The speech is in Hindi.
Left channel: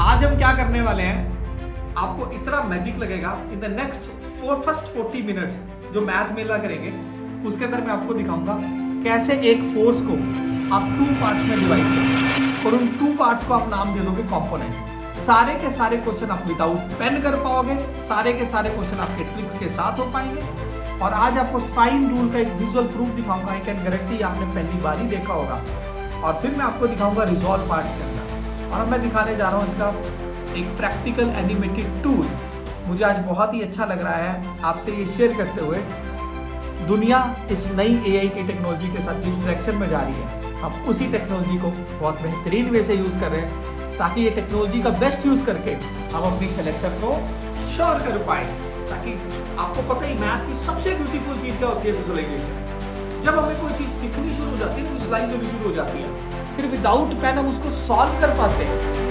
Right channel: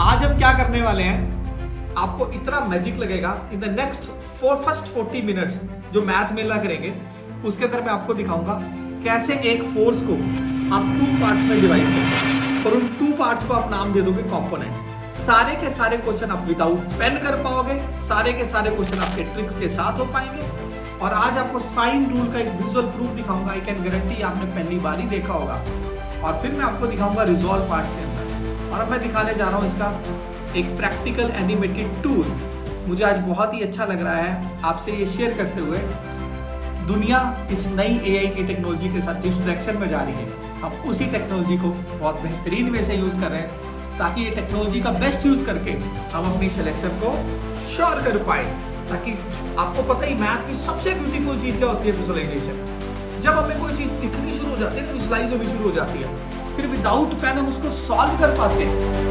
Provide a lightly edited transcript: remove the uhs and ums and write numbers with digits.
आज हम क्या करने वाले हैं, आपको इतना मैजिक लगेगा in the next first 40 minutes जो मैथ मेला करेंगे उसके अंदर मैं आपको दिखाऊंगा कैसे एक फोर्स को आप 2 पार्ट्स में डिवाइड करेंगे और उन 2 पार्ट्स को आप नाम दे दोगे कंपोनेंट। सारे के सारे क्वेश्चन आप विदाउट पेन कर पाओगे, सारे के सारे क्वेश्चन आपके ट्रिक्स के साथ हो पाएंगे। और आज आपको साइन रूल का एक विजुअल प्रूफ दिखाऊंगा। आई कैन गारंटी आपने पहली बार ही देखा होगा। और फिर मैं आपको दिखाऊंगा रिजॉल्व पार्ट्स के अंदर। और अब मैं दिखाने जा रहा हूँ इसका एक प्रैक्टिकल एनिमेटेड टूल। मुझे आज बहुत ही अच्छा लग रहा है आपसे ये शेयर करते हुए। दुनिया इस नई एआई की टेक्नोलॉजी के साथ जिस डायरेक्शन में जा रही है, हम उसी टेक्नोलॉजी को बहुत बेहतरीन वे से यूज कर रहे हैं ताकि ये टेक्नोलॉजी का बेस्ट यूज करके हम अपनी सिलेक्शन को श्योर कर पाए। ताकि आपको पता ही मैथ की सबसे ब्यूटीफुल चीज क्या होती है, विजुअलाइजेशन। जब हमें कोई चीज दिखनी शुरू हो जाती है ना, विजुअलाइज होनी शुरू हो जाती है, फिर विदाउट पेन हम उसको सॉल्व कर पाते हैं।